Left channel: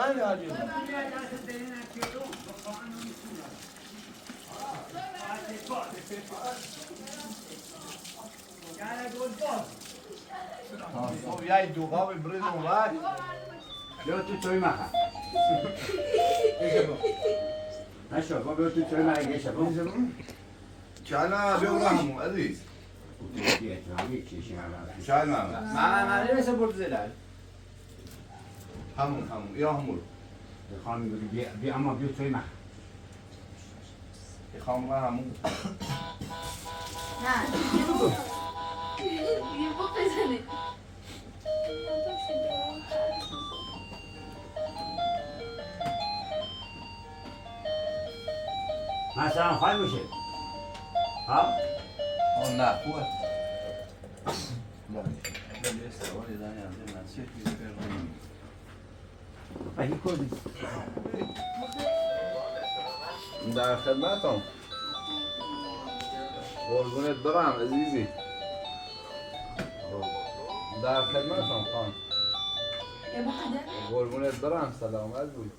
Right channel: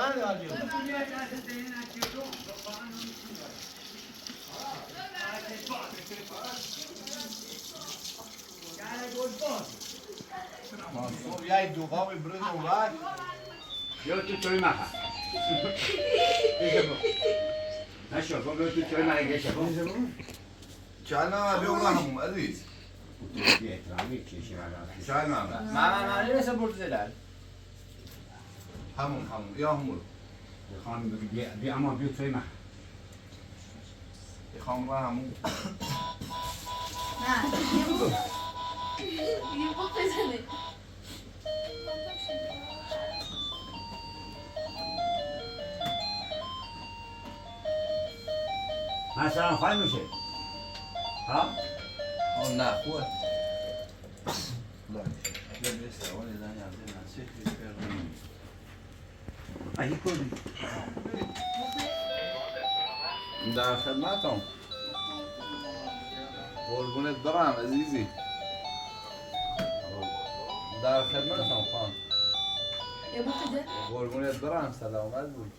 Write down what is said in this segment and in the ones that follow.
من راجع صبح یه دوغا برید اون وقت یا تو توی مخه نشو با تو توی مخه گشه با چانا بیو همون عزیز شاید من نیست برد زلال همون یا همون خانم بی اما بیو توی مخه خانم همون نه یه بخ بزنه مثلا خواهی میشه ها؟ اون نه خوبه لا بيسر ولا داني عندنا نسيت يذكر اهی کردی در خدمتم قربونت برم عزیزی در خدمتم خان یه بخ ده قربونت برم سلامت بود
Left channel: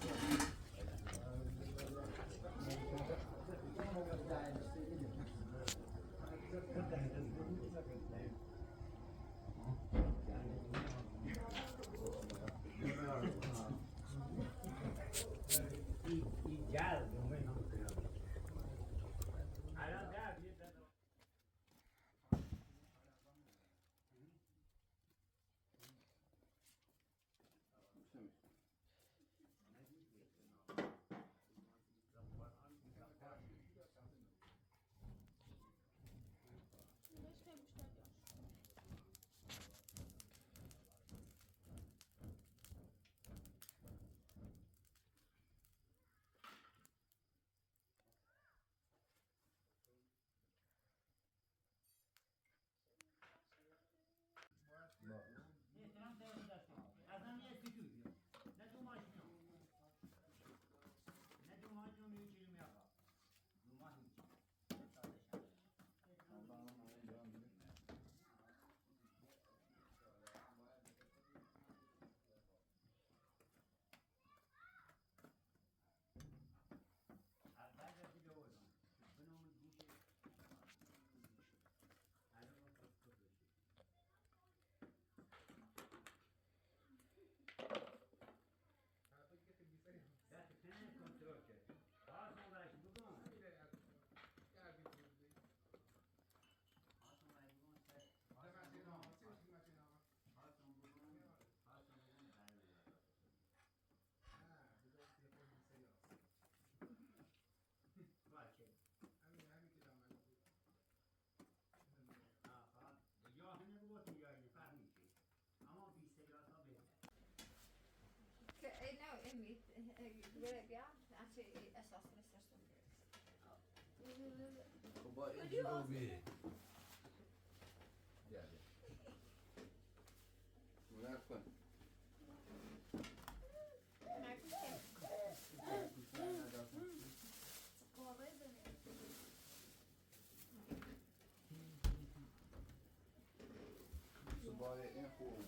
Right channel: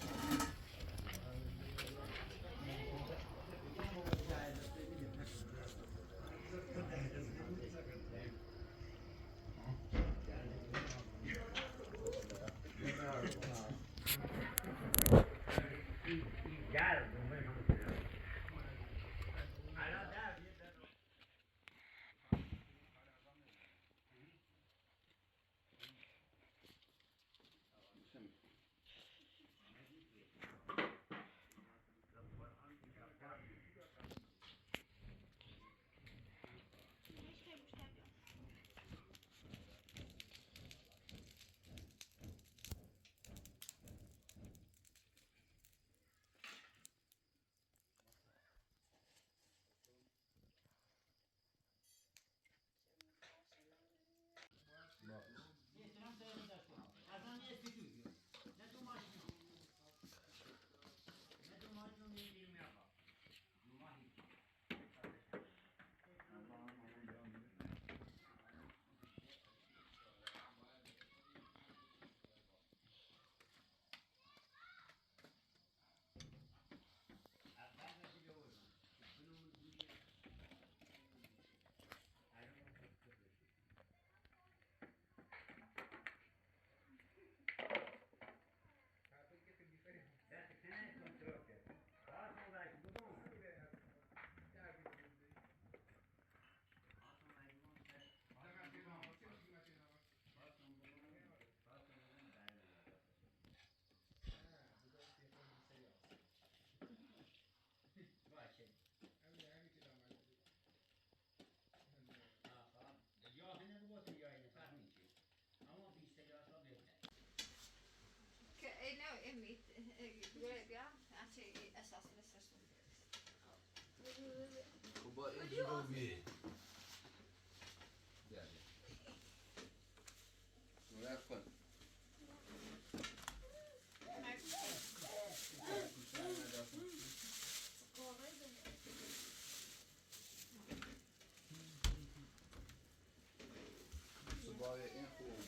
باید این خوبه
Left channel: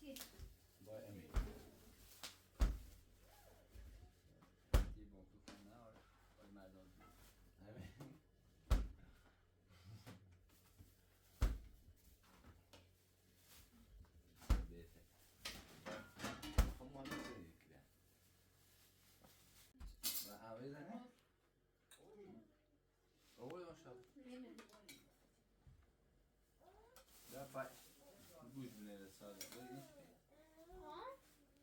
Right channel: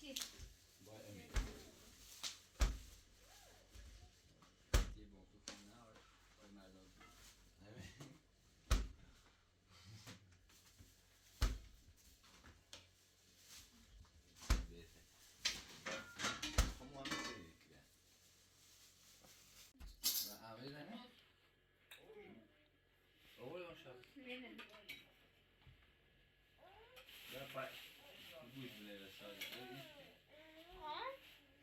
چی؟ باید امید دیبون تو خونه و مردم بهتر خب ما میسه که و اولی نه اولی اون شد یا پای گوش بله ساده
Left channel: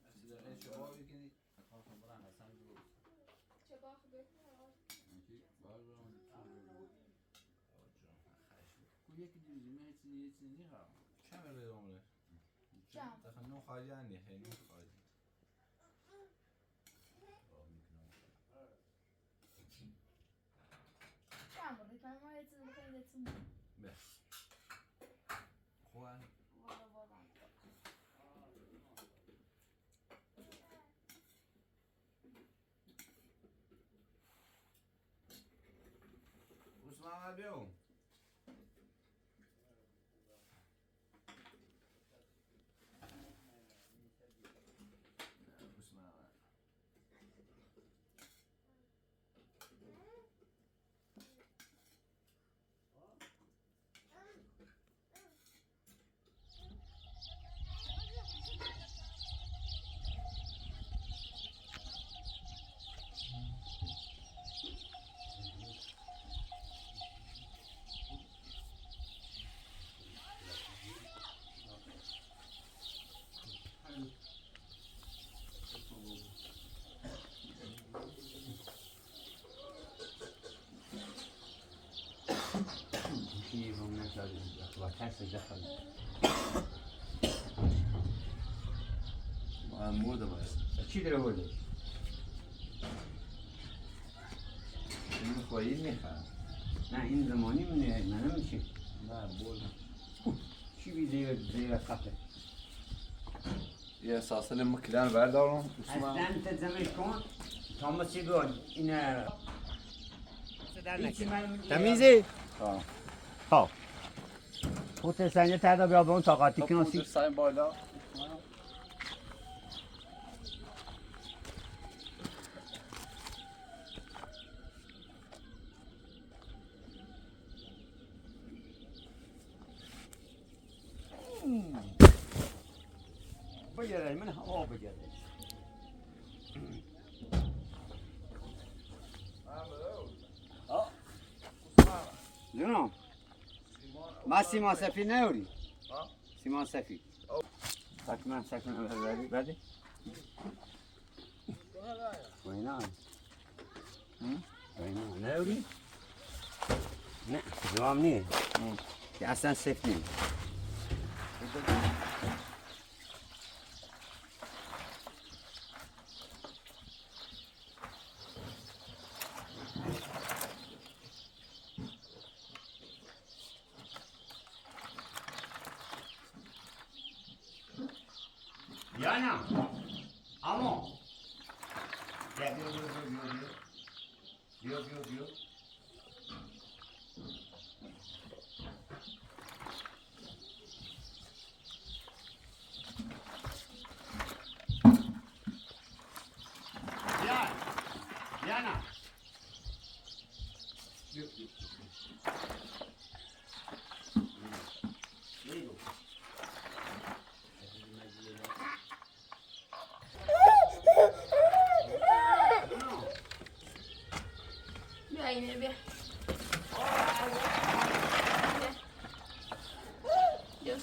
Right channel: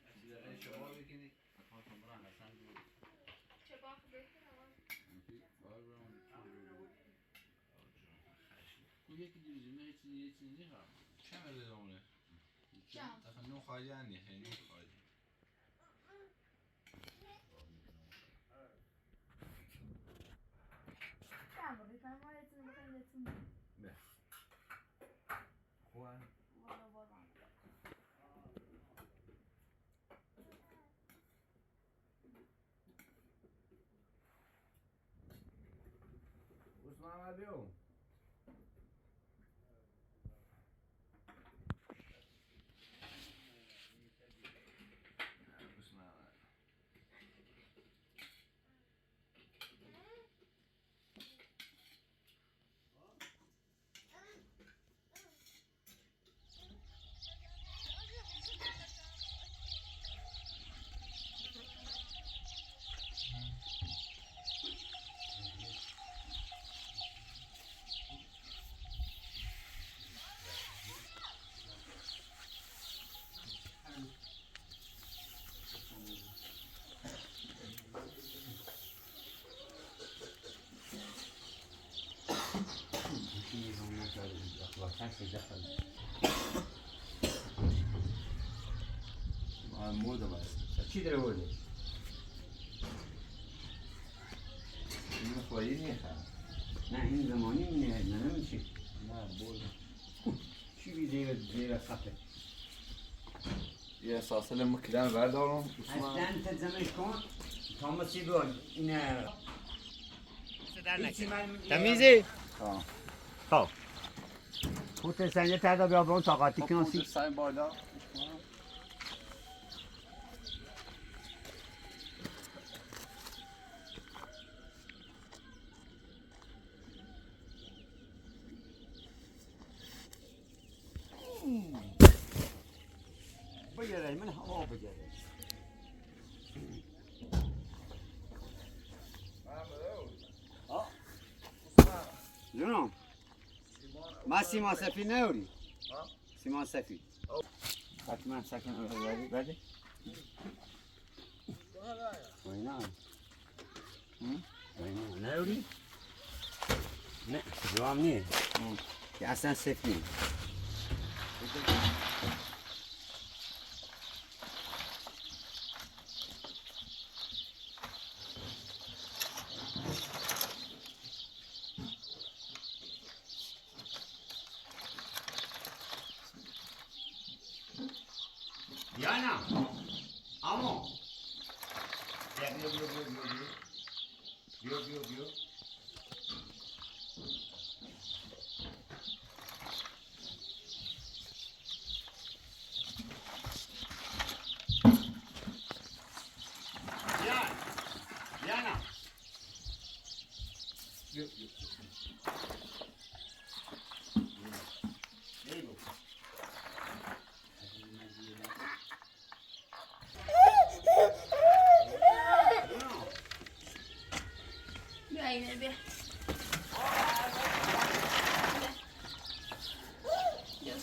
اصلی داره شما بکنی خواهم برم حسن بود چه باخ بکنم بار برم یکی دیوزی یه چیزی ها چه مله عمره چم تخنو خواهی هنی خیلی خواهی چم بودی کنم ما یه چیزی بخواهی یه چیزی به خوان والا والا عثمان بیو عثمان هسه دخل مرده باید چی داره بوده؟ این میخوایی میخواه نه این زمانی نه نمیشه نه برده چی بی زیر خطه یه ساسل مکلن بردارم اصلا انت زمش کن تا مسیگون این تمیزی؟ ها خب خود سنجه تردا بیا به اون طاقاتی خب کنسی خودت سایم بالا بگیره من هوا بگیره جونم ما سیمان سفید نیوری سیمان سفید حتما سکن بردی وینا وینا نیوری نه جوام نیه که اصلا سفید نیه Yana, amo. Bio. Yana. There you go. بیا اینه بیا بیا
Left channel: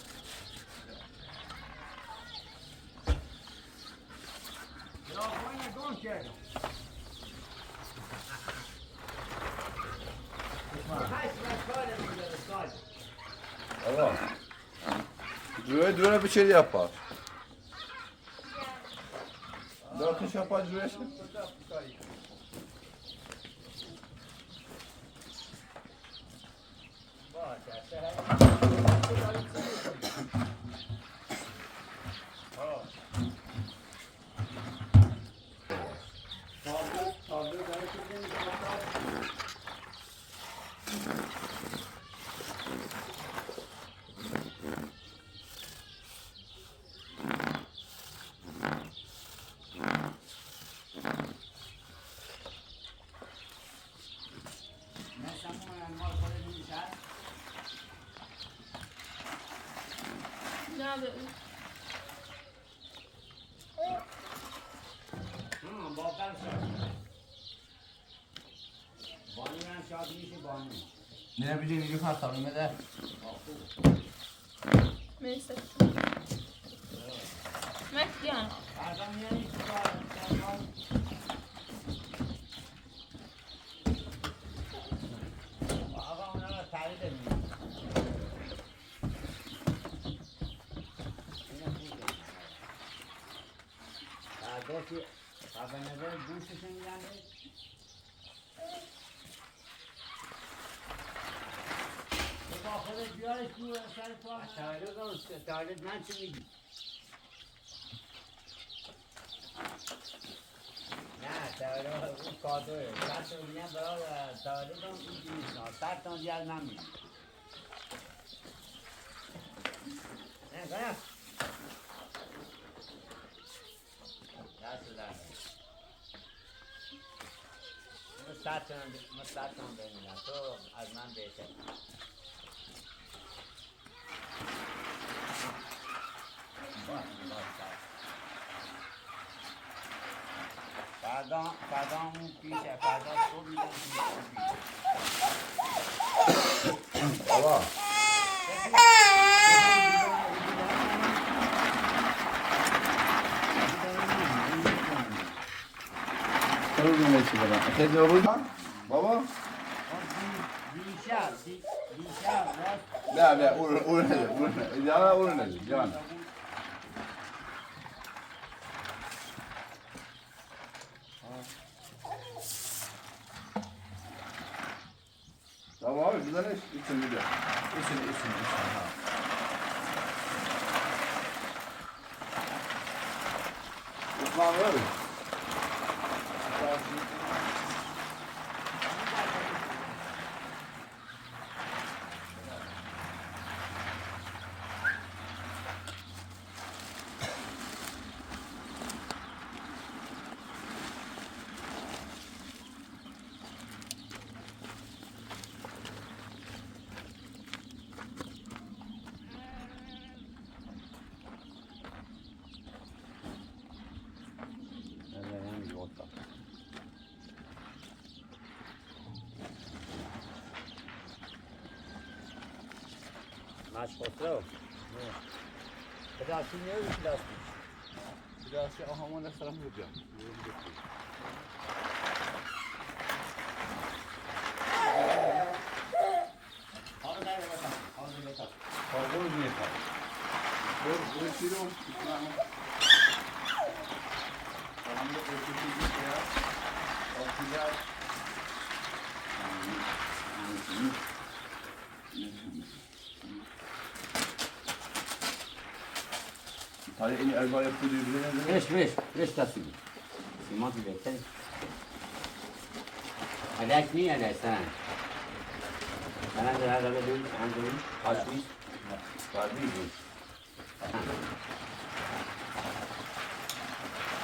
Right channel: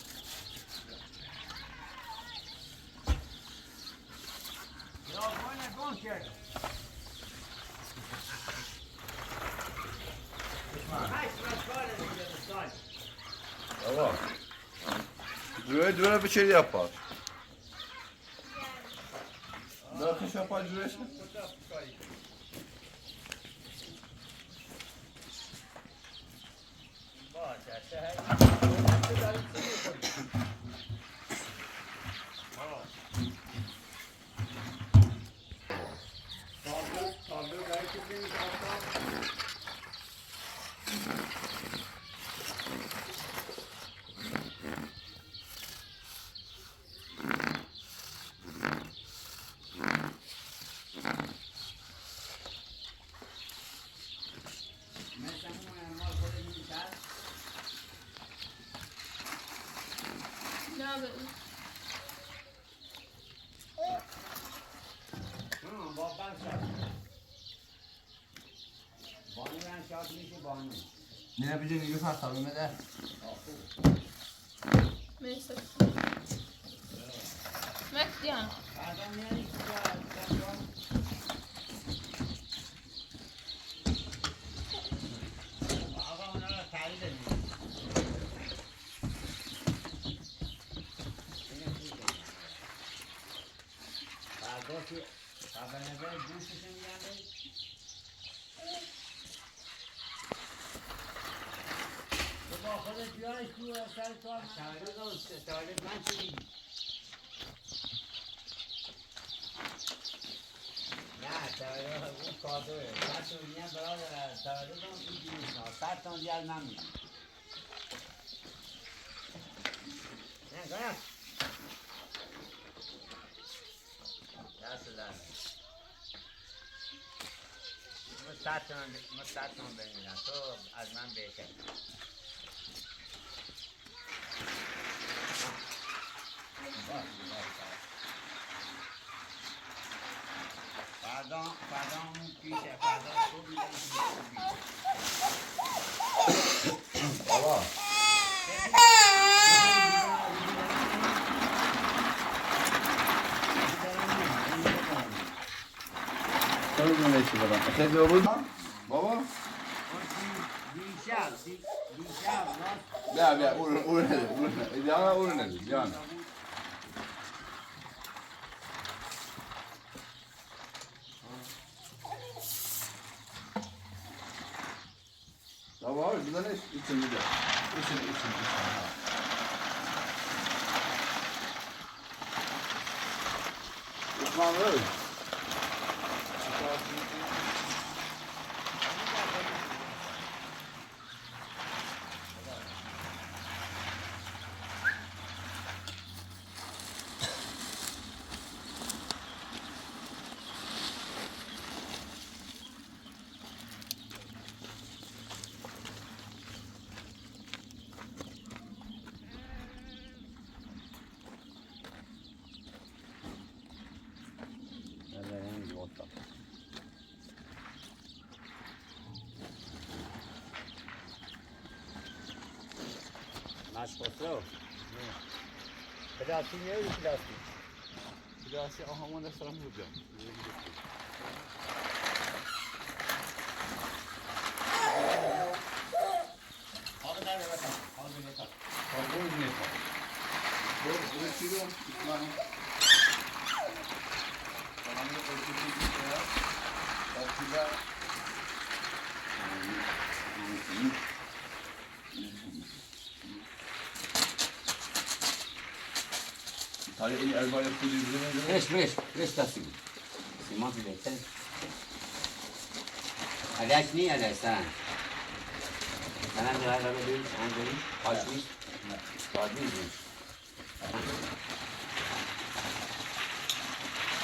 آقا جوه بچری yapar. Dört iş yapar cüreşi. نه بیا Ne bileyim yürü hastanım eder. مرسی مکس دیانا مستعدم ببینم تو از من بهتر فردا اون پیشه فردا صبح میدونم Baba. Sen ne işi var? Sen de olur mu? Baba. نه اون نده جانا اون نده جانا tamam abi bizden için bir de için ha. Osman öyle. Maşkotro. Plastik ne öyle plastik? Plastik ahamana selam vuracağım. Havada ne bakalım? Havada ne bakalım? Pardon ne yapar? Bu kilo tutmam. Tamam da ölçüsü ya. Akıda. Tali ini elba yapıyor birbirine. Fresh tasım. Simon bir bekle. Agaç niye agaç sana? Sana da araba değil, anlayın. Açmış. Var mı bu?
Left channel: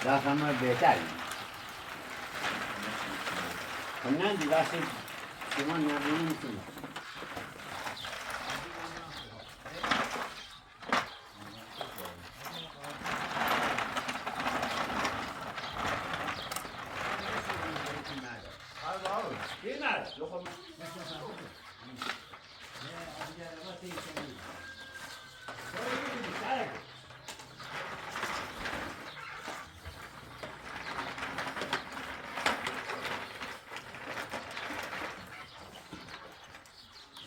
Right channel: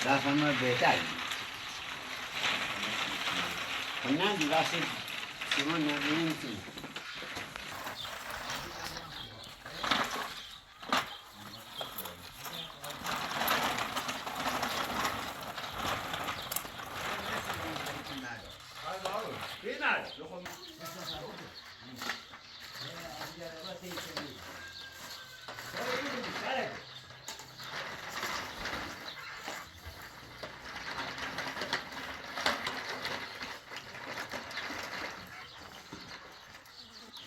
Daha sonra beter. Ondan dirası Simon ne bileyim ki.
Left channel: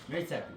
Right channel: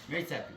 Neyse.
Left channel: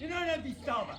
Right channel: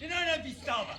Ne bistava?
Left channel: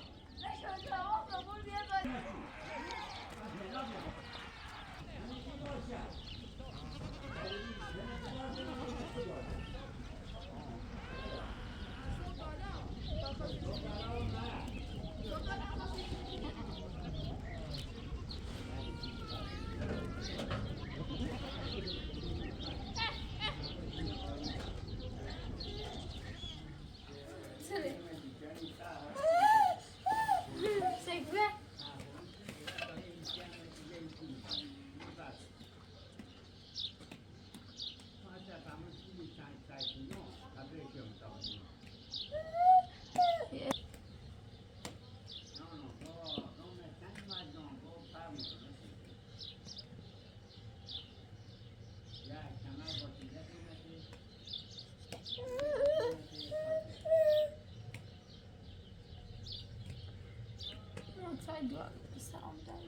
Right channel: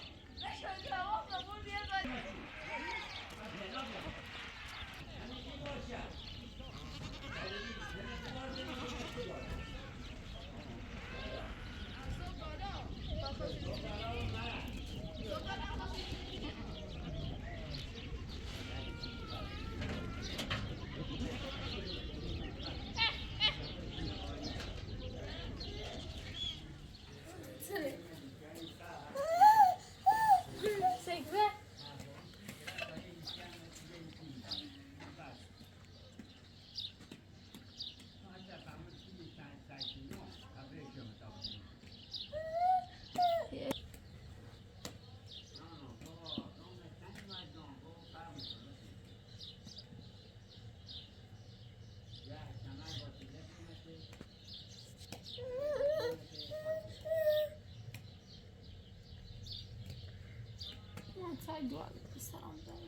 سعید سلام دارم.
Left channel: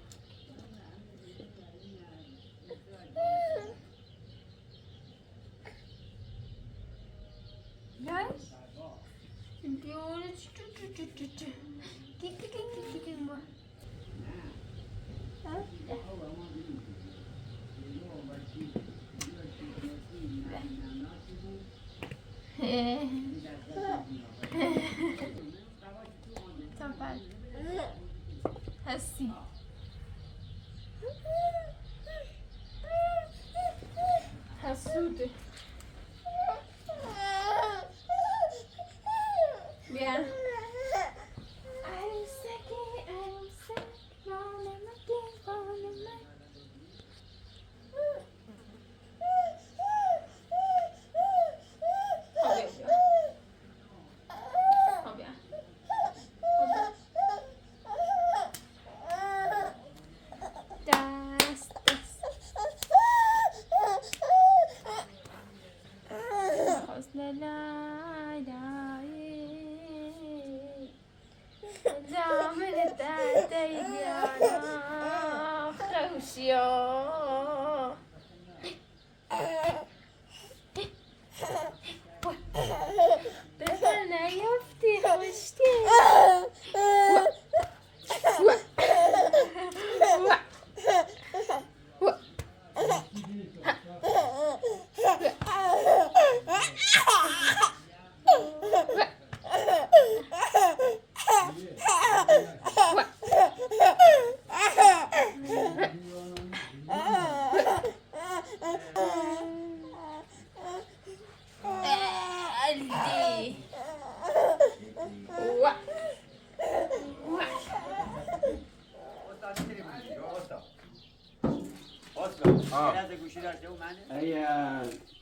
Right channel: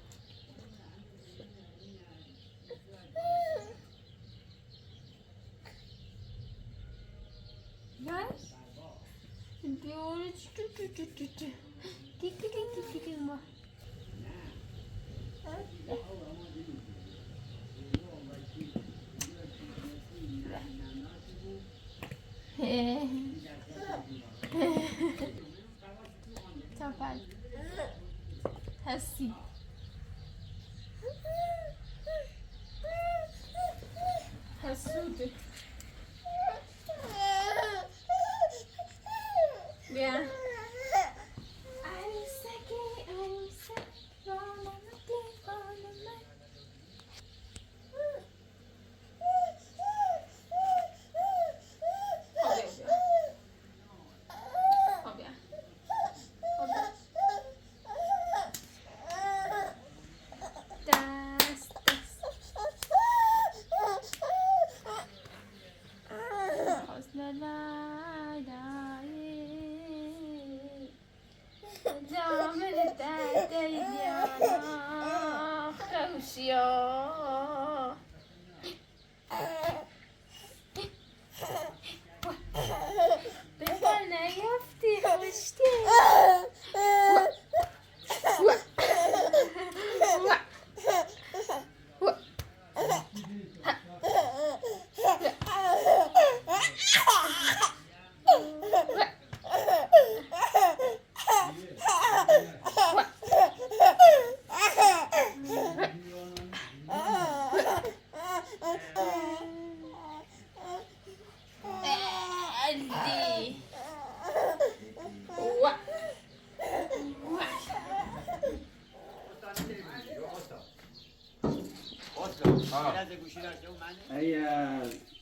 نه؟ دیواره کی ما. تفل هستی حسوده بیا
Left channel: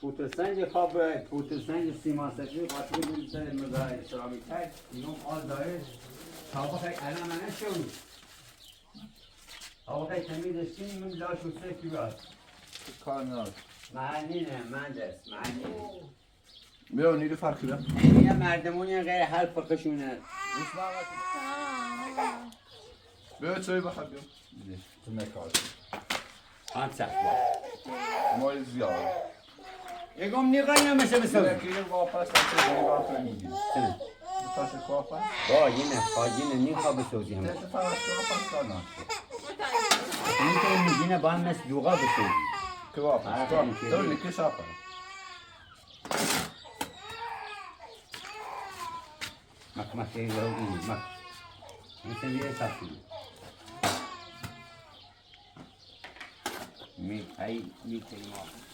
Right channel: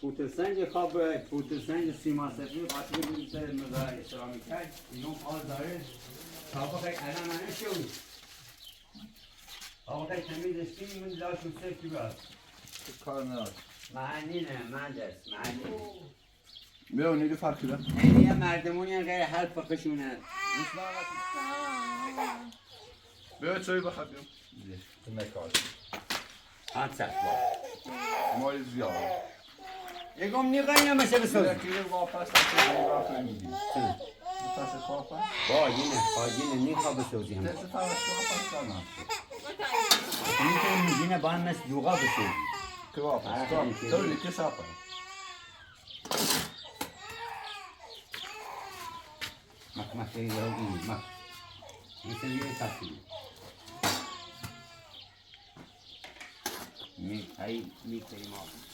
پوتسنگ خواب پوتسنگ سیما سفید قاطی بود سر مزای اسلامی کرد اینم آز داره تا خیلی الان من شد آقا خیلی تمیزش کنیم من لاشون سفتی بیاد کار نداره معنی نه من دست معنی بیا نیرو فرقی ده این یه مردمونی غیر هر فقشونه بیا چایی بخواب بیا تو مکار آن سخت با مای زیاد یکم نیقایی نمیشه بسازی یکی واپس هسته دیگه واپس میگی چنه؟ بپس واپس با اینه نیخواه بسازی همه کسی فرش واپس کار نشد این که میگینه با هم مثل دوغا بسازی که واپس تو لیکی شاپه مک این مک این سنگیه تفصیلی می کنیم آقا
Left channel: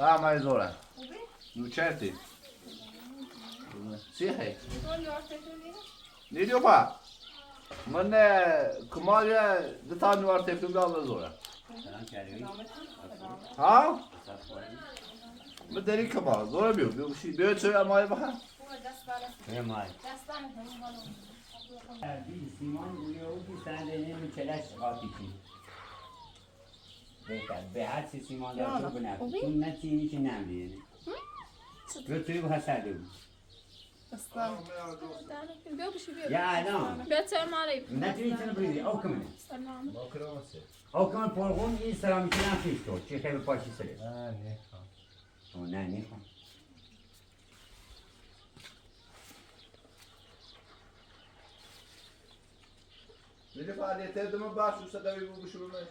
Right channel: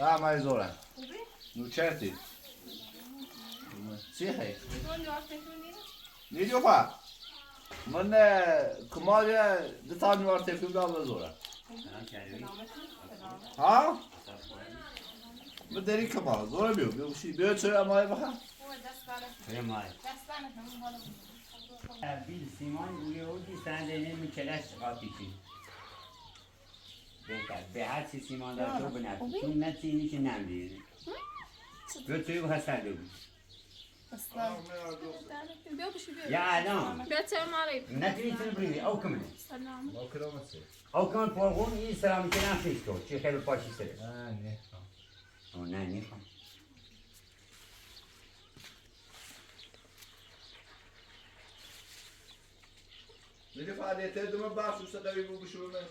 نه مای زوره نوچرتی چی هی؟ نیدیو پا من کمال دو تا نوار تفتون دام زوره ها؟ من داری کمال زوره بیو بیو چوی امای بخوا بیل سیمان یه او سنده نمی کلش قاطی چی بهتر به هر چی سیمان دار تو بنفت این نتینی که نمیدید تو توی بخواه سرده بود بیا بشی بیا یا الان بیا چه ماری نتینی تنو بریدی او کمن سلام او کمن پرگم این سلامی که نفیش تو چی خیلی پاشی سره نه نیخوام نیدی فعالیت دمو باش دوست داری بو بشو بمش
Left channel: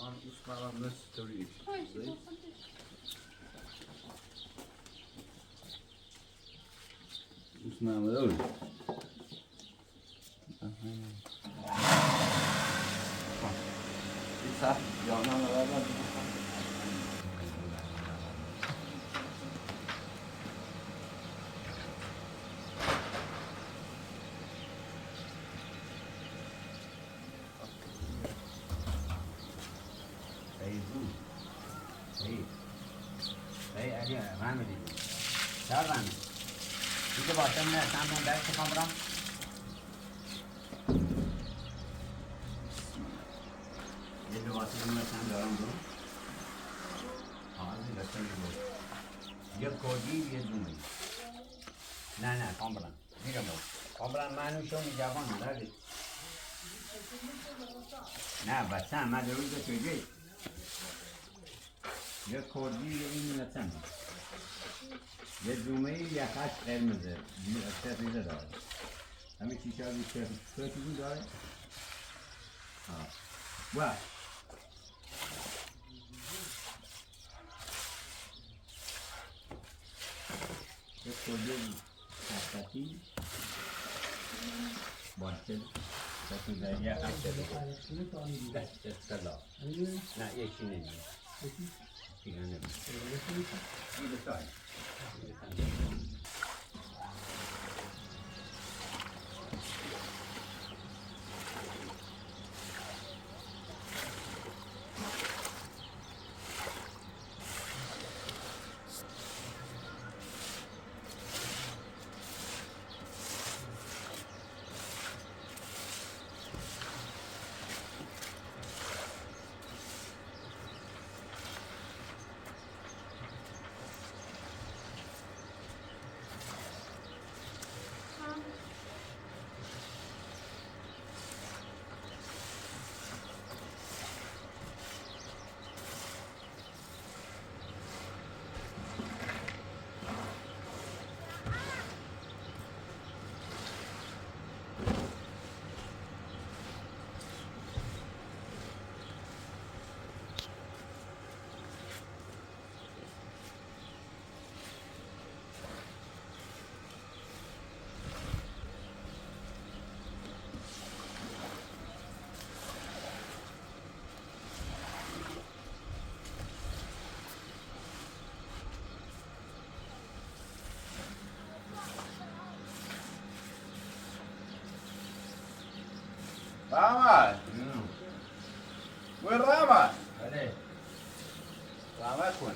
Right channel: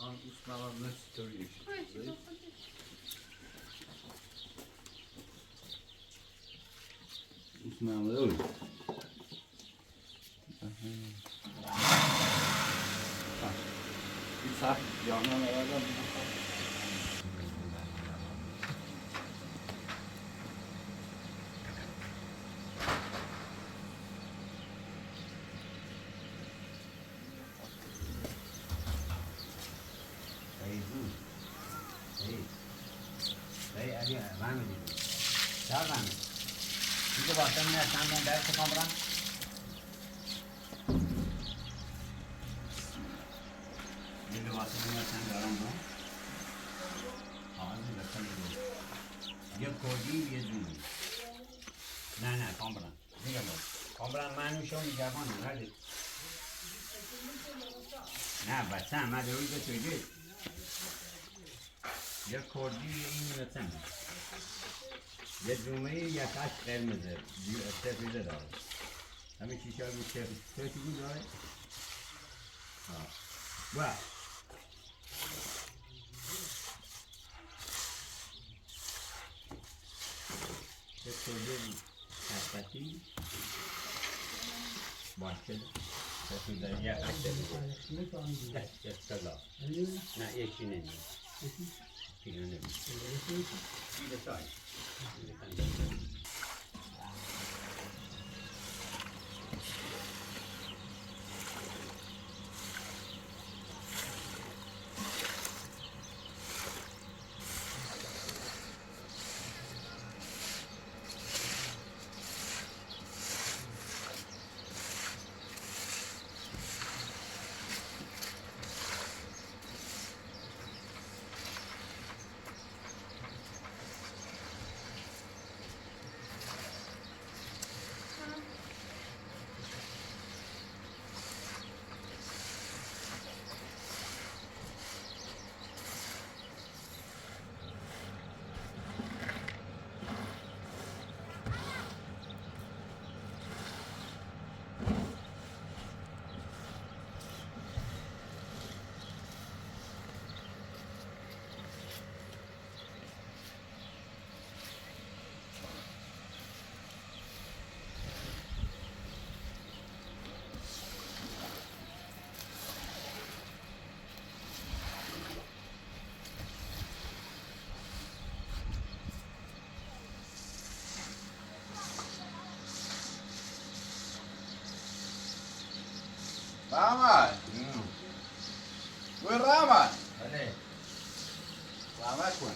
الان اسمم مستوریش اسمم داری سخت جانان آوردن Itu bahasa mana sama baik ke kamera? Ini bahasa mana sama dalam tu? ini betul itu. Dia kodi dia dulu. Nah, kamera. Ini kamu. Kamera manusia ni Jepang mana dia? Nah, bahasa mana dulu itu saja. Dia kodi ini macam. یه جمعه یه خط قرمزه سفیده داره همه چیشه ها سفیدی داره با یه کلده سفتی باشه سفیده یه خط سفیده اصطلاح نه یکی نمید دیگه نمید این بسای رحمت وين رحمت؟ بله رحمت کن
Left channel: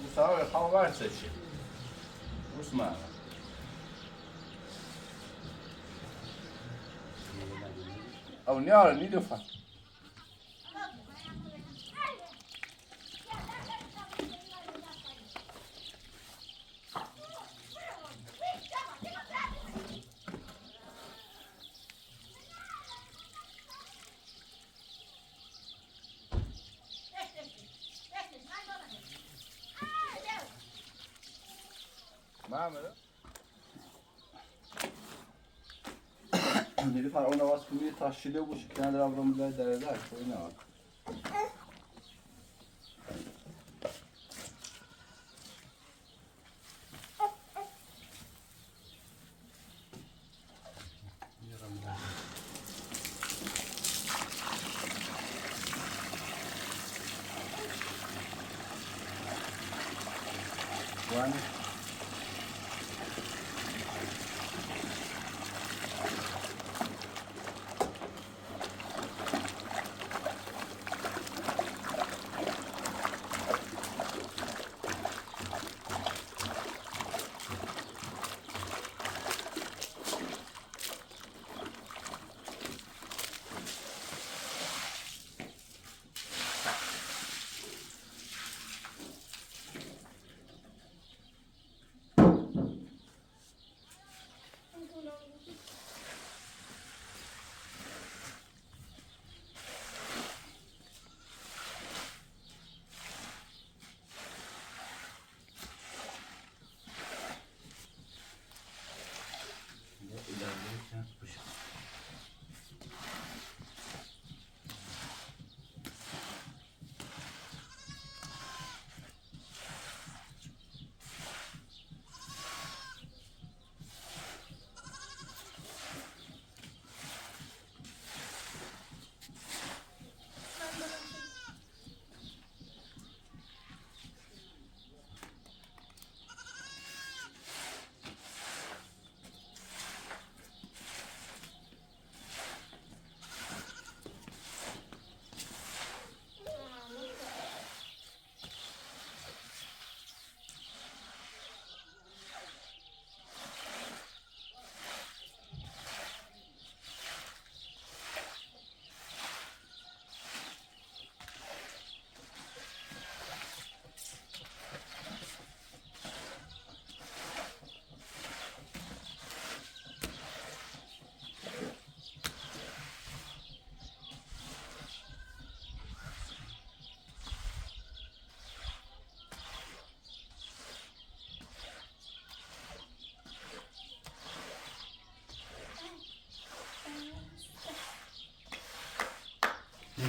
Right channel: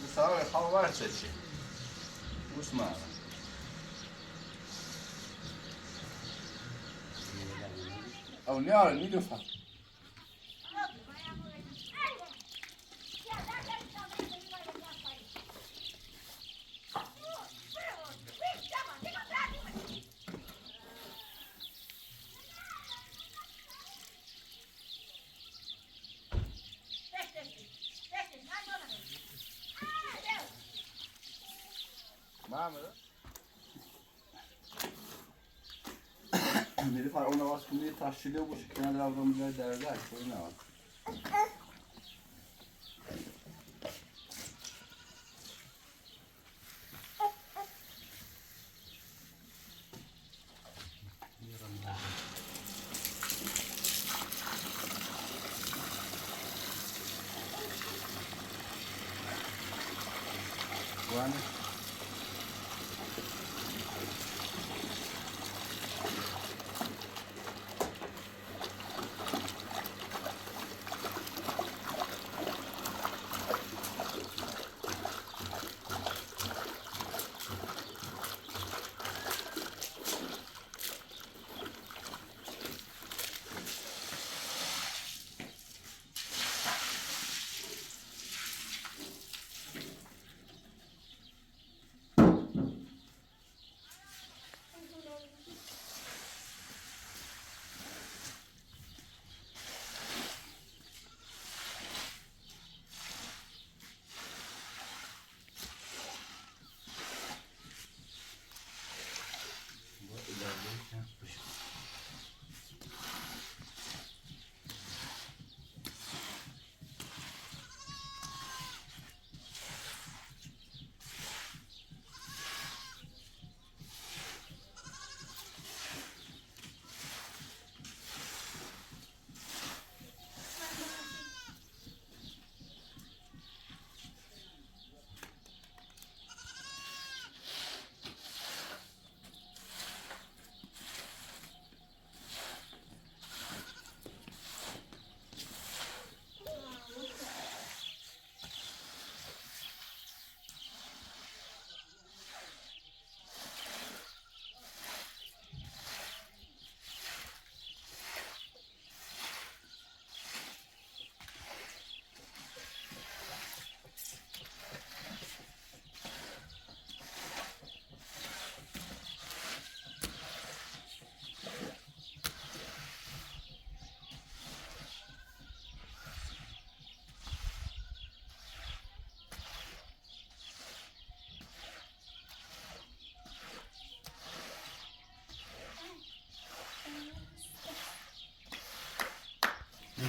او سوال خواه برسه چی؟ اسمع او نیاره نیلوفر نیلوفر اون آواز کنی تاشیده باشه که نداره رو میذاره در کنی نه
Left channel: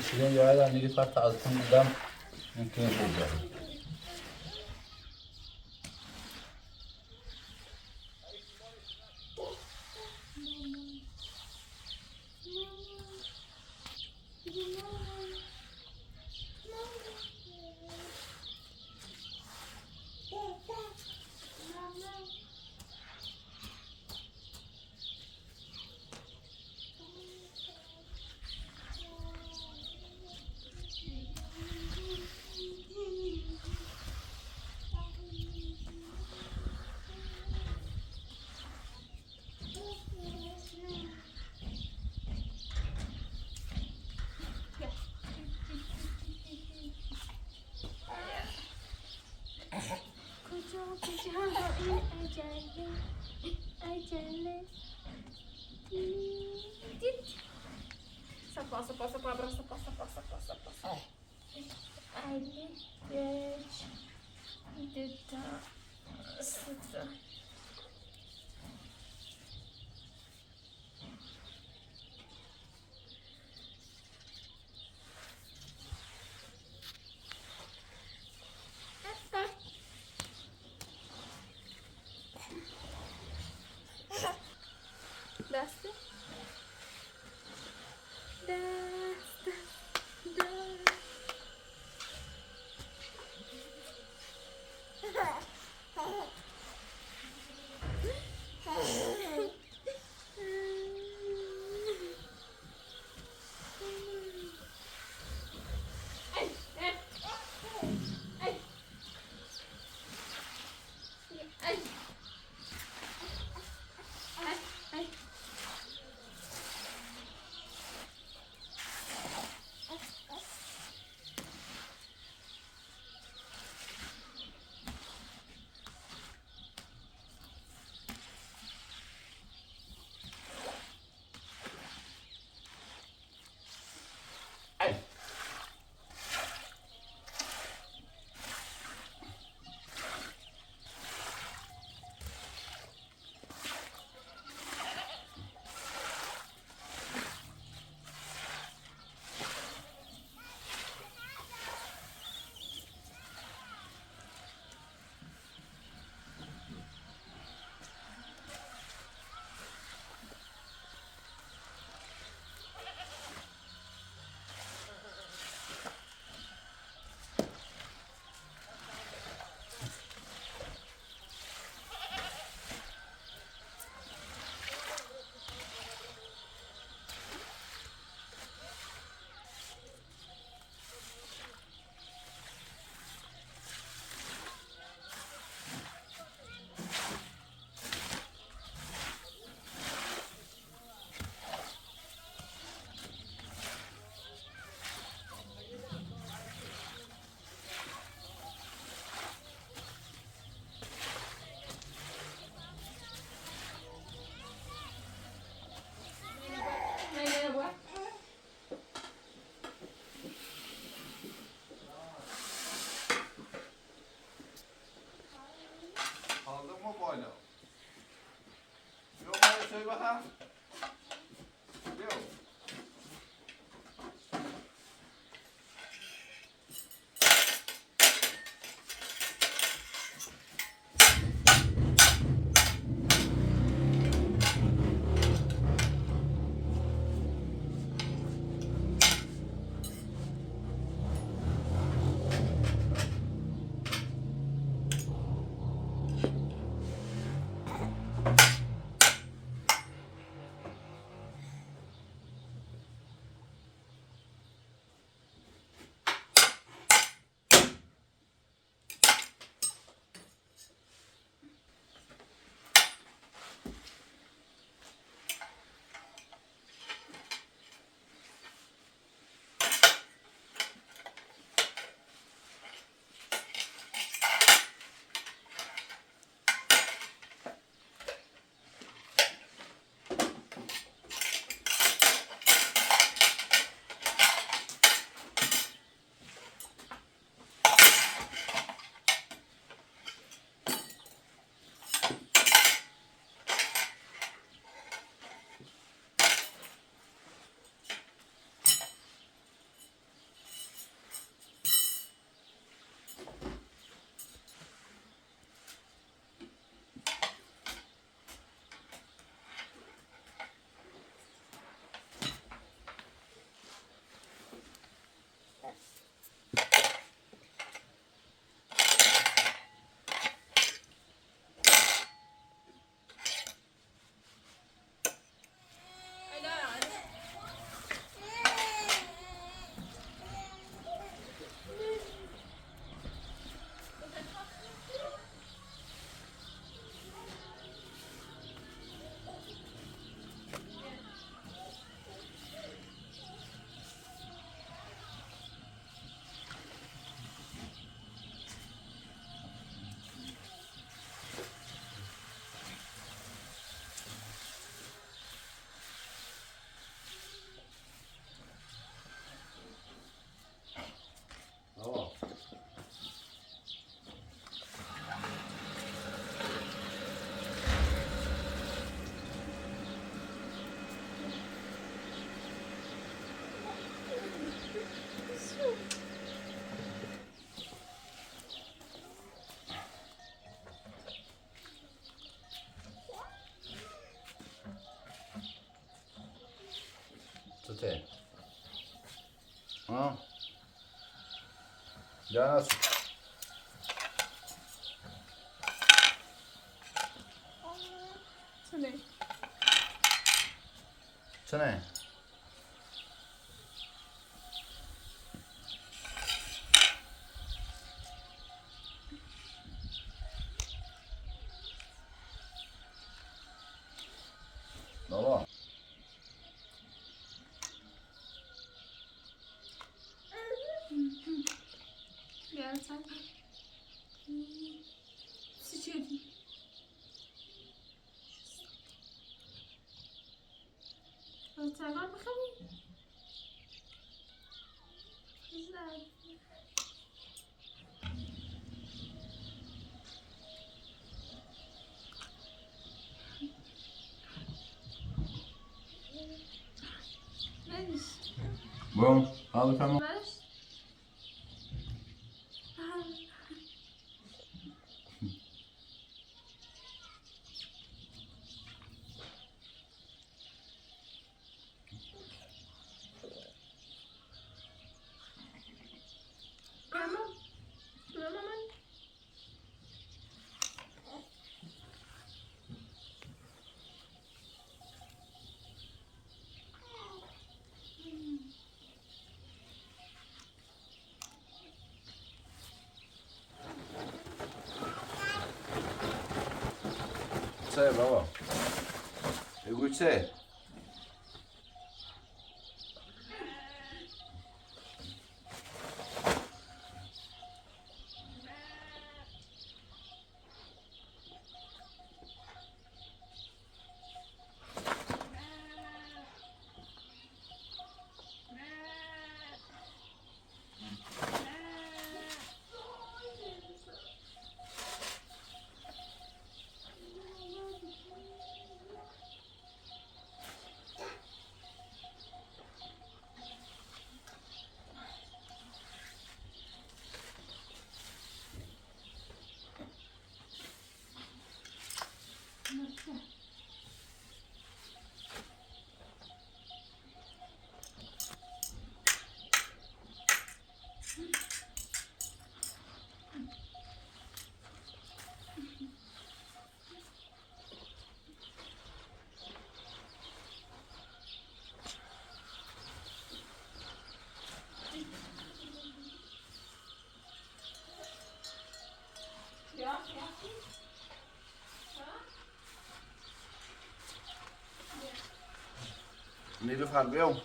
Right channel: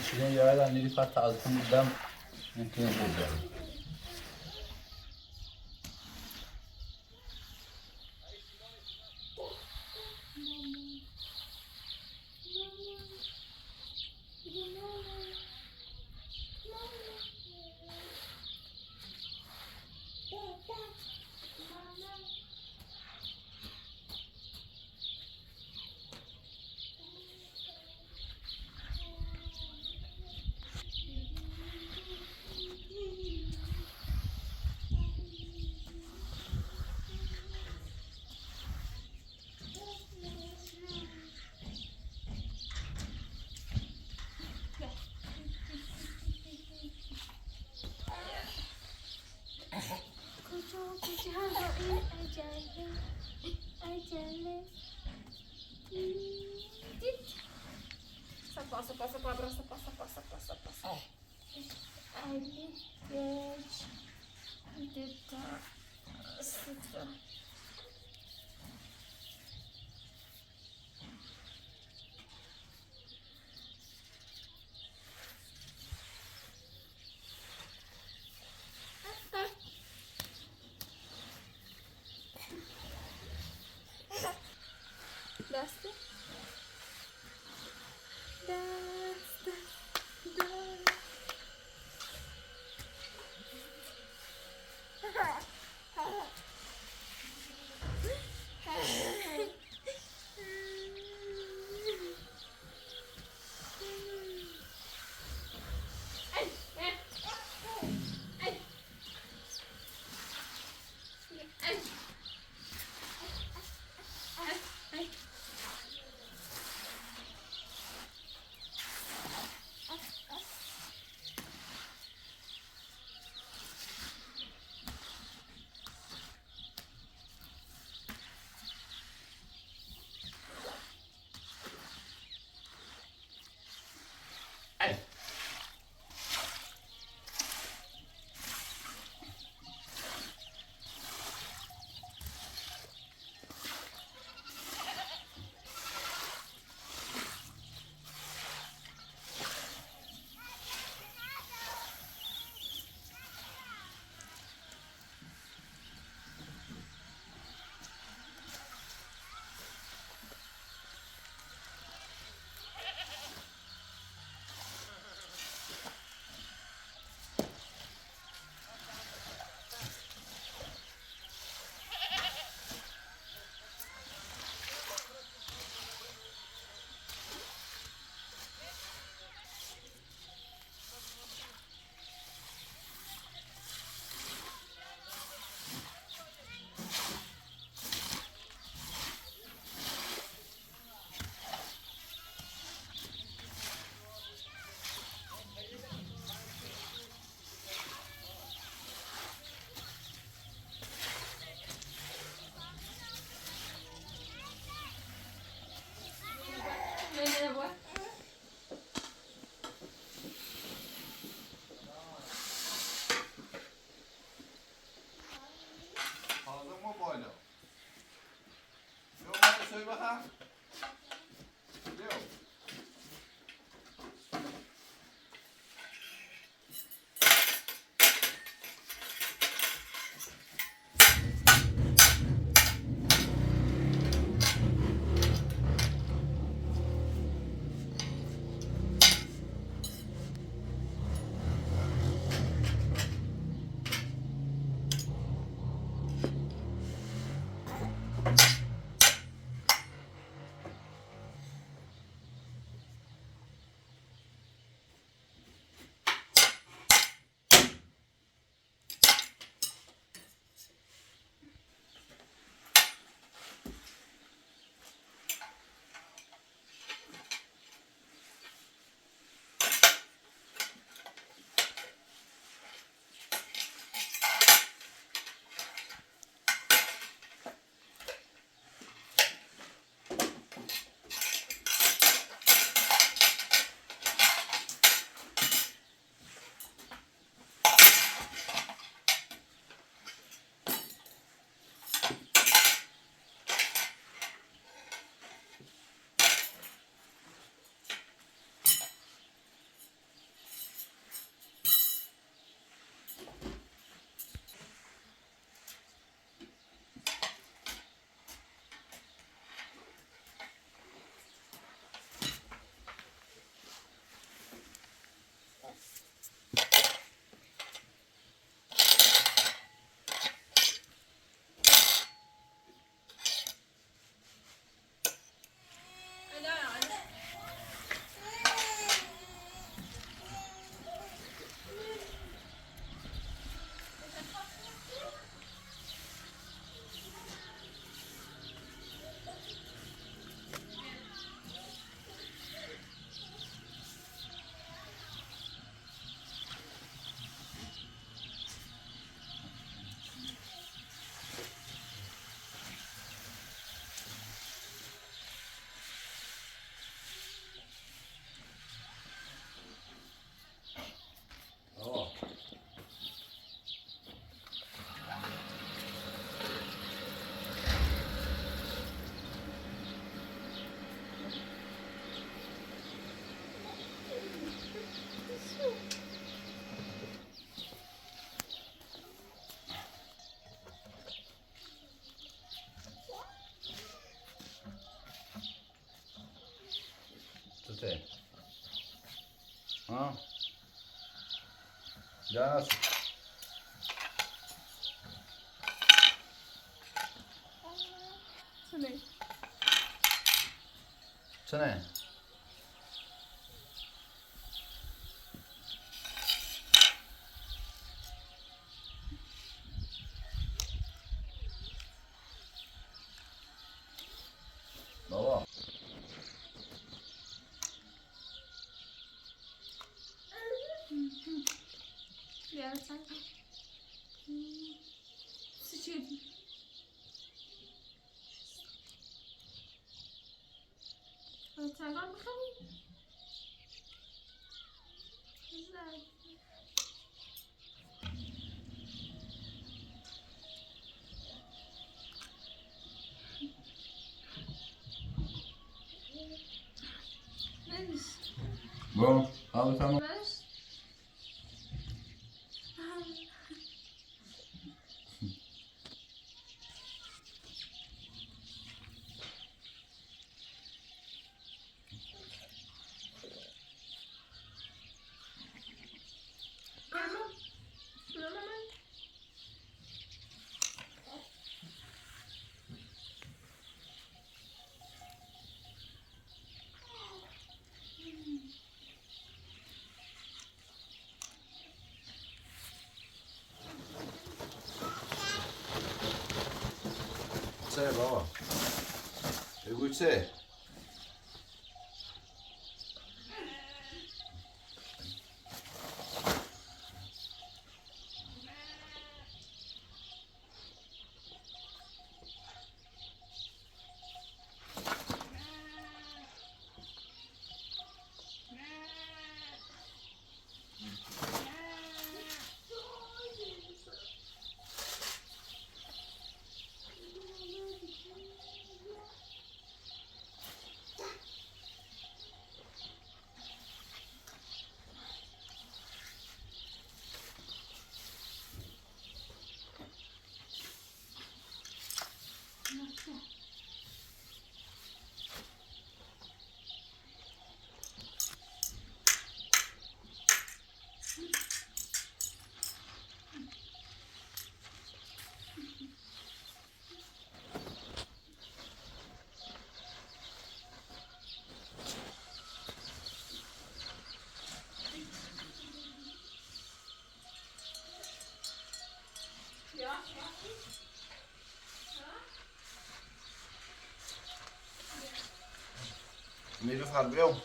شیرین یادم نیلوفر تا از اون بودم ممکنه بودم Sapa. Ali geç. Dita. Sıtı. Dasta. Dasta. Aldın mı böyle? Yok hadi söyle bakalım. Yok. Gute. Ja. Ja, Co nie? co ne? Baba. Ja, tak. Sıçıyordum. Çaydan bakalım. Güzel. Neymiş? Bom, al tamam. Ver. Tamam. Tamam. Co, baba? Gute. Mira farbeão.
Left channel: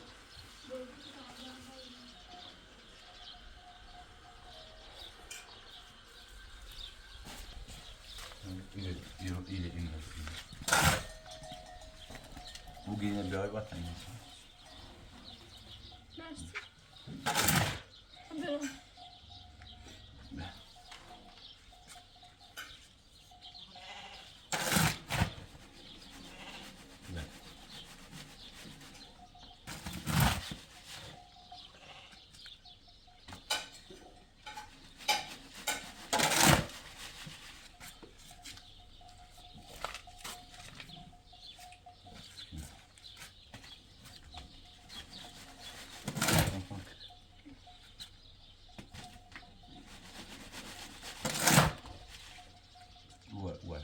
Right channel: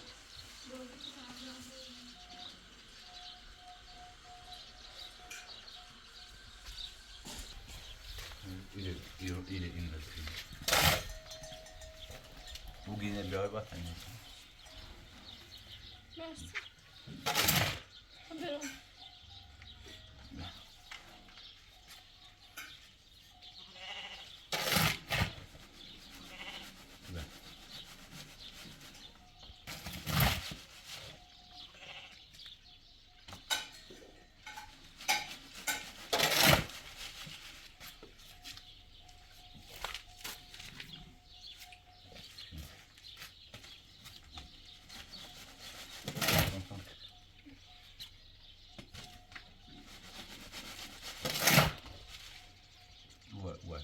İyi indir. Bu yine bir ay bak annesi. Merci. Ver onu. Ouais.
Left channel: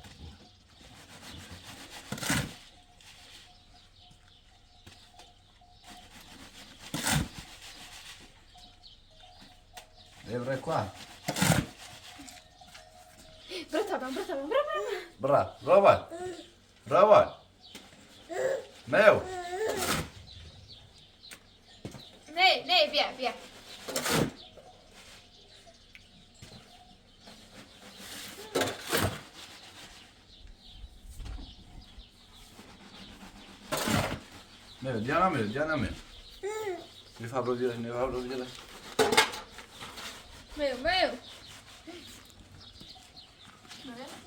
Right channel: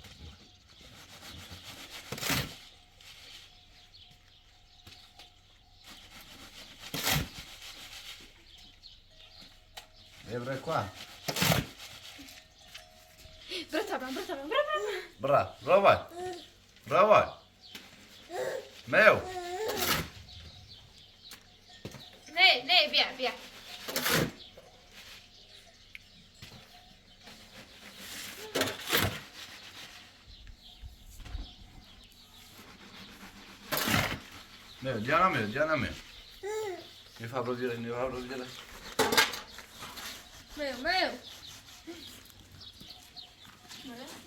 Lembra qua? Brava. Brava. Meu. Nej, via. Meu, canım. Ne fabricare. Meu.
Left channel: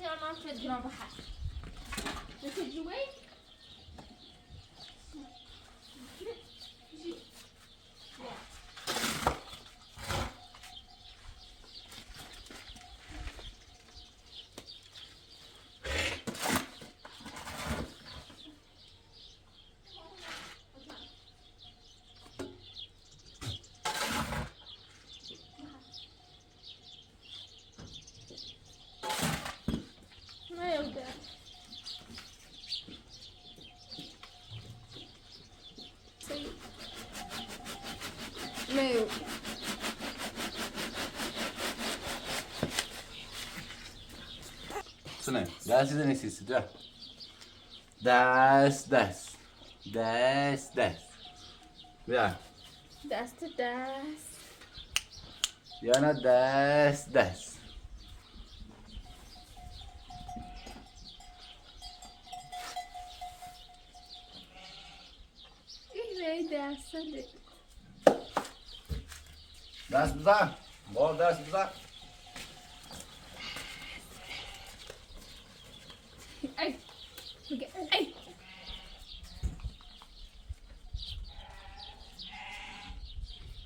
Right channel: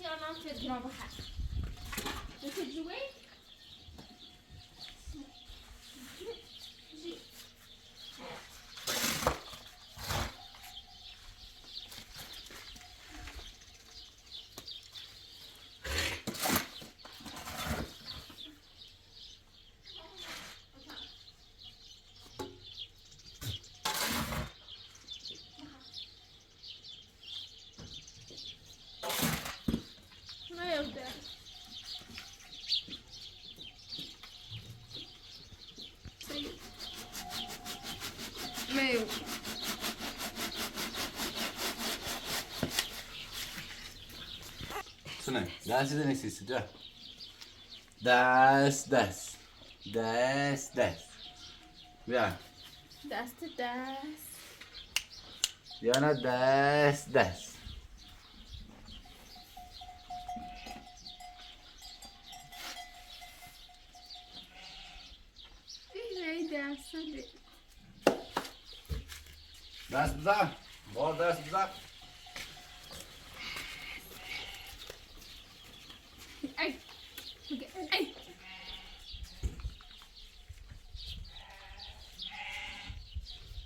Jag har inte grabbar här. Du kan ju wait. Orada. Meio. Sunay, dersi de nesi istiyor? Ders. Ya, That's the dance. yana ders. Very dance. Ders güzel. Bu ders güzel. Ay. Ay.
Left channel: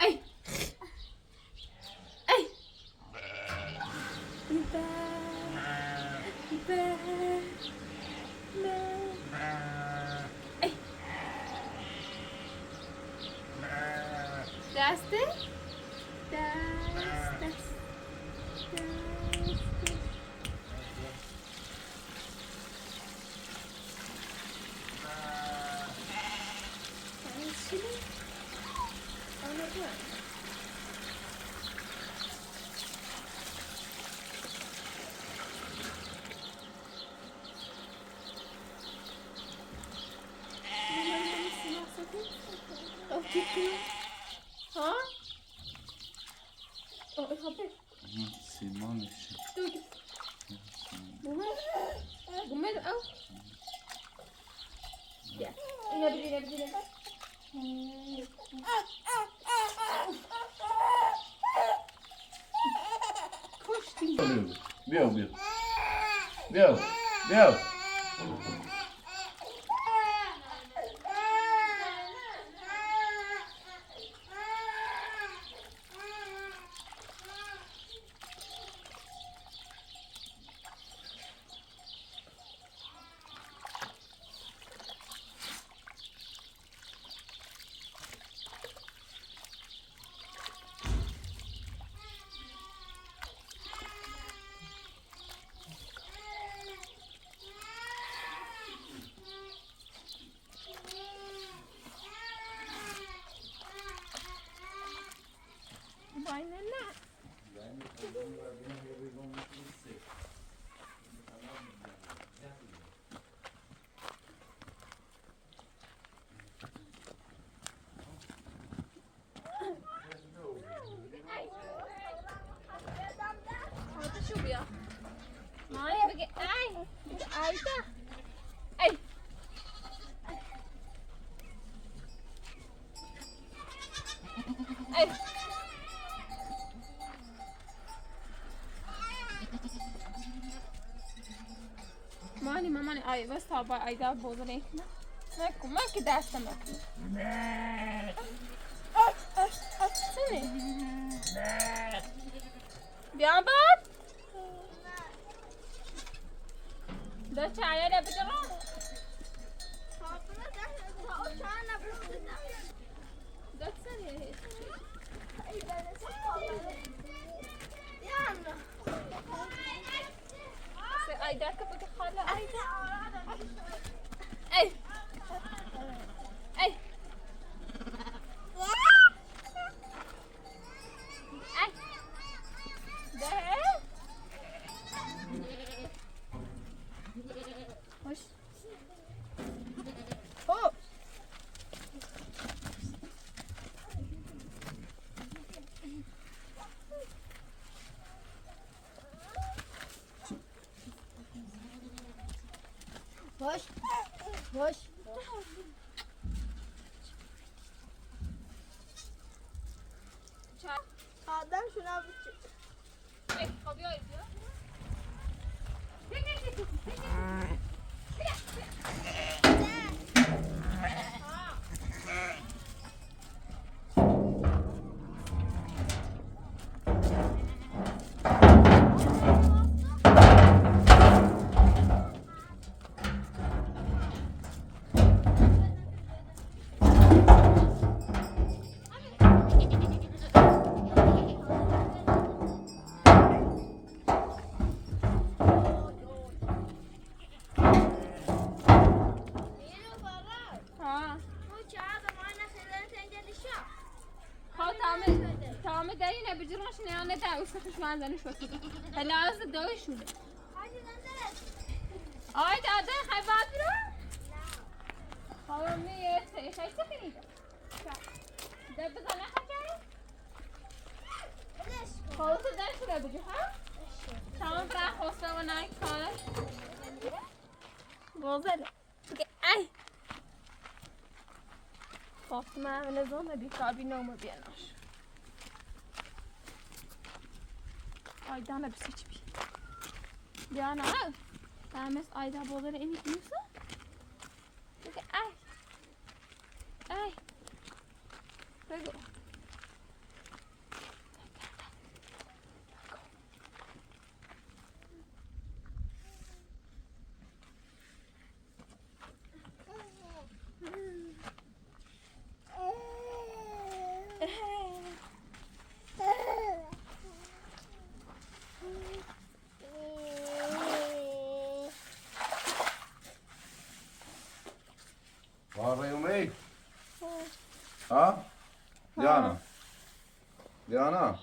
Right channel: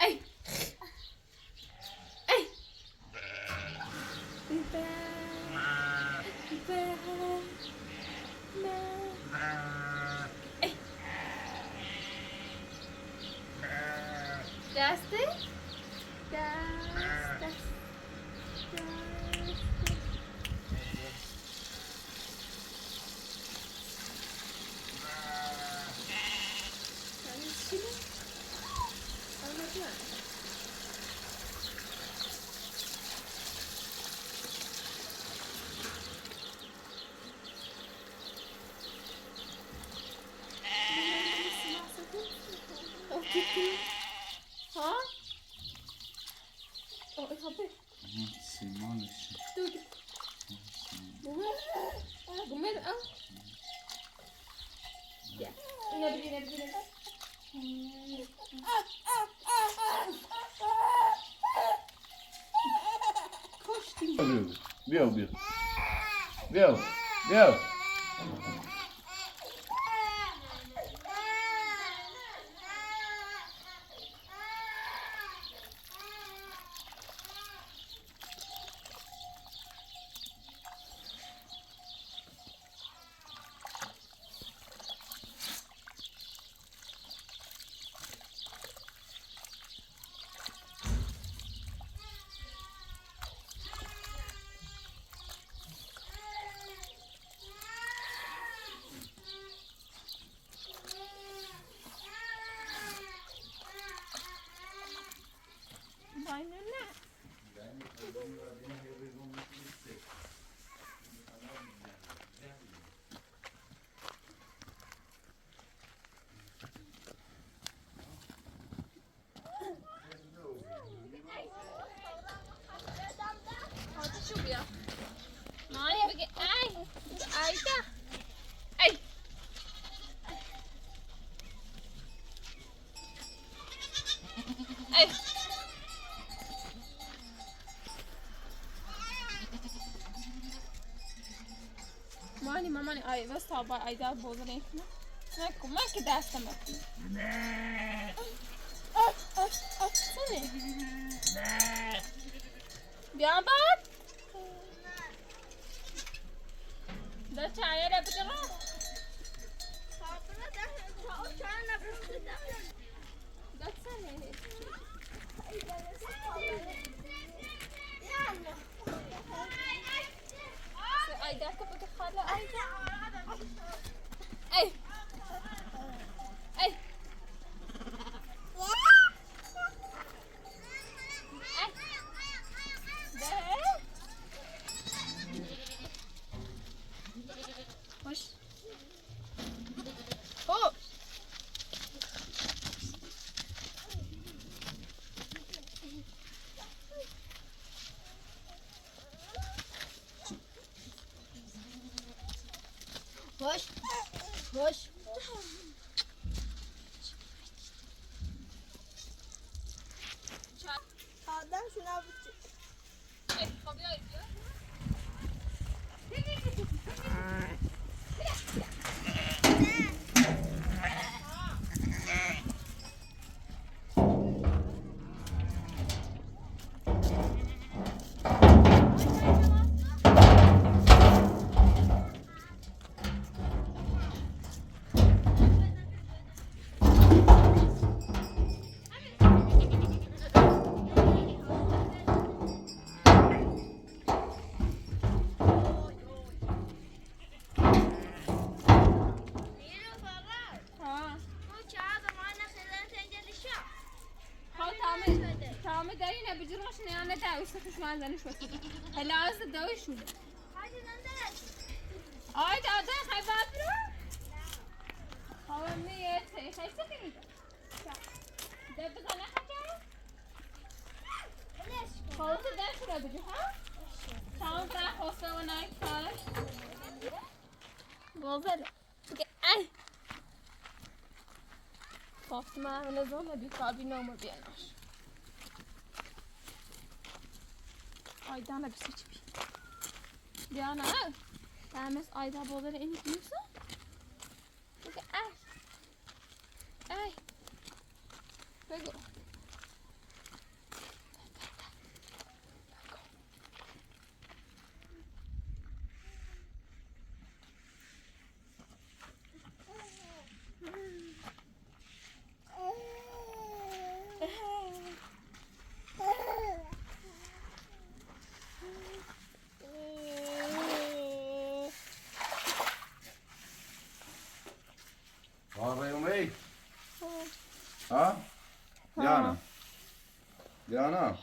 Ay. Ay. Ay. That's it. That's. Ha? Oh, ik ga weg. Simon işi. Doe. Doe met hem. Ja. En heb je Bill. ماني اي بس طبعا اي ده بوزني ما كده استمر سني بيعبط ده شاير يا بجرا ده سني اي ده كيف تخلى اي اي اي وش هو وش Adam şuna bir ده وسخش منزنی شد هلا از دوی شده آی داده خیلی باید بیرو خواهم میگه خیلی سخی ده بزنه خواهی خواهی تو ده شده بجو ها تمام در خواسته و نایی کارش بازده بگه ای فاطمه همه نظام بیکار بی نامو بیناش Aydan'a bir seç bir. Diana, ben Ayda boğazları en iyi biliyorsun. Peki, ay. Ay. Peki. Waar ben je mee? Ha? Diana? Diana?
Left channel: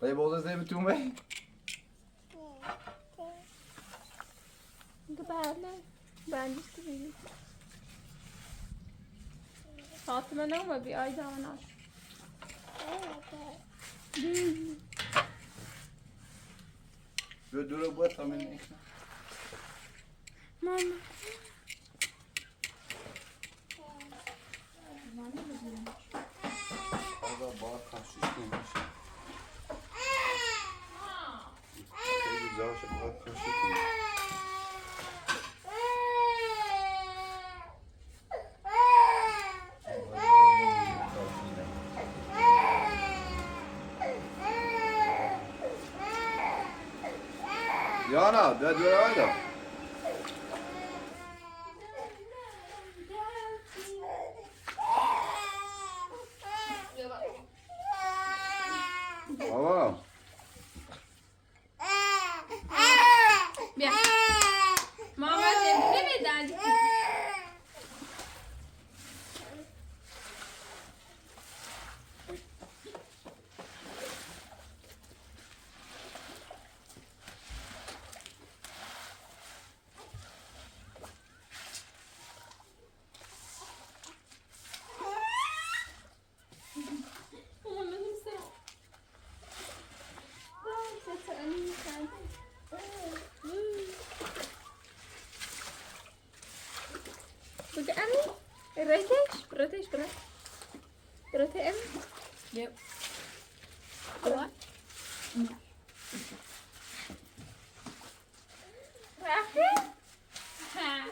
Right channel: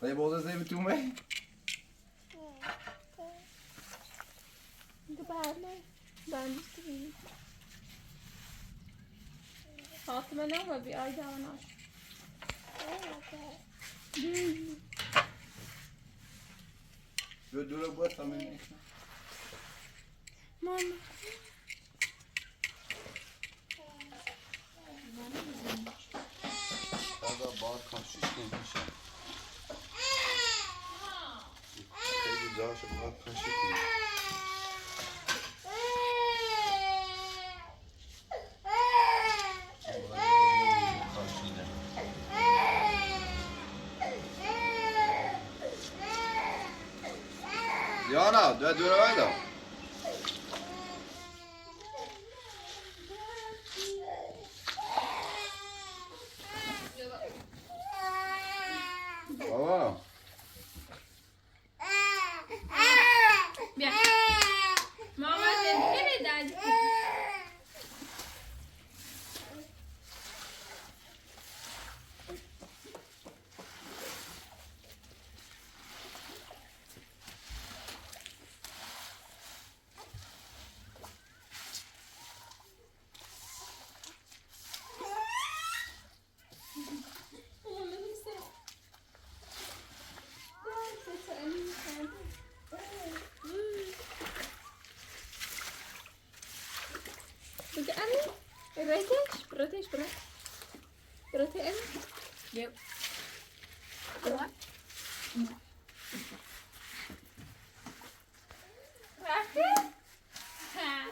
Ga je bijvoorbeeld even toe mee? Güzel. Ben de istedim. Fatıma ne var bir Ayda ona. Doe ook wat dan in. Mama. Orada bağ karşı koymuş. Çok güzel şey bağ karşı koymuş. Diana, du är då. Baba. Bien. Mama ne neden? Bude Emmy? British. British Emmy? Yep. What? Rafi? Ha.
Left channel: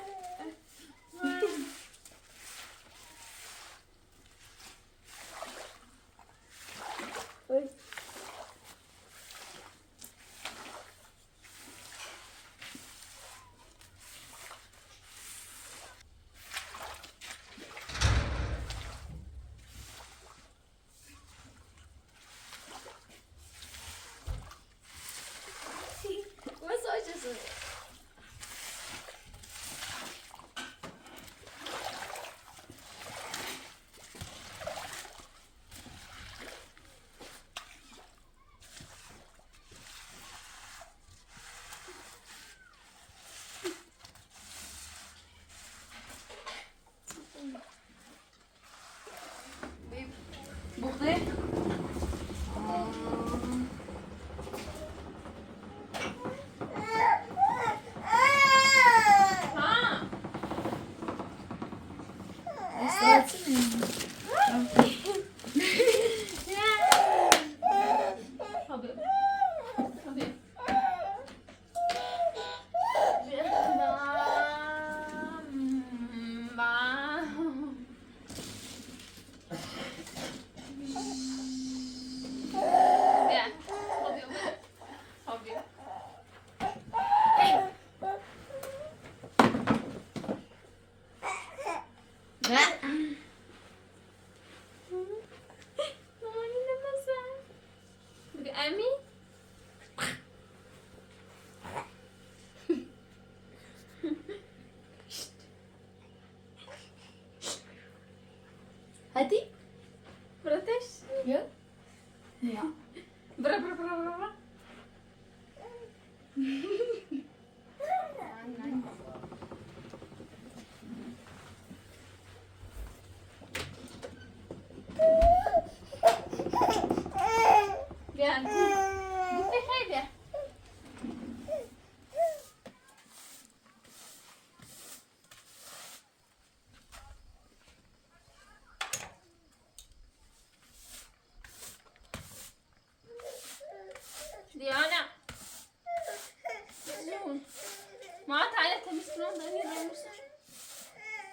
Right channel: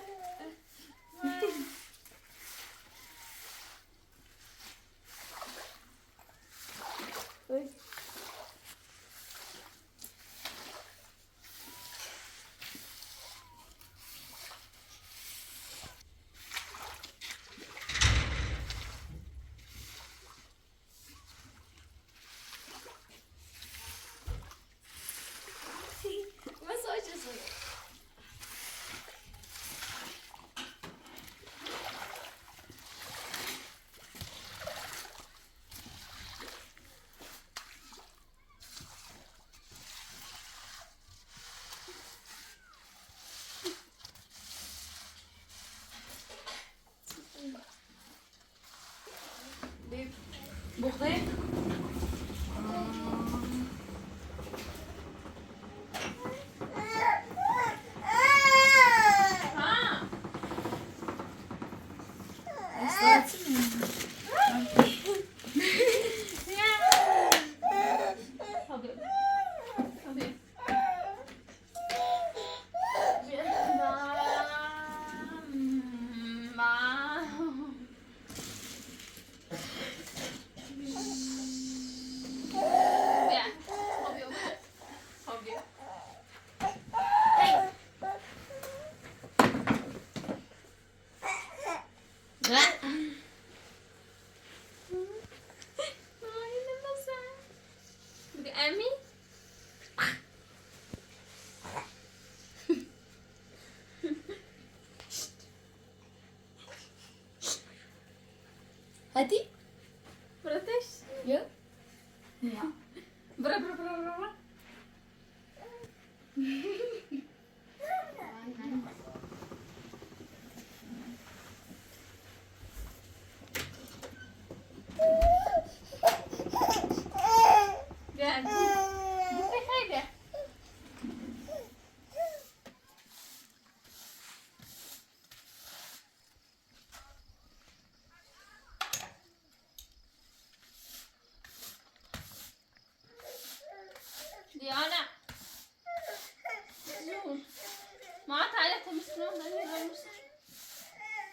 تعالى تمشي من ده مش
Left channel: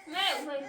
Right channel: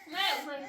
ما وين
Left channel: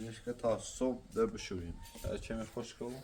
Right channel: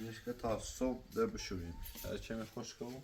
اینش که تا صبح در بشوریم هرچی خوش کنم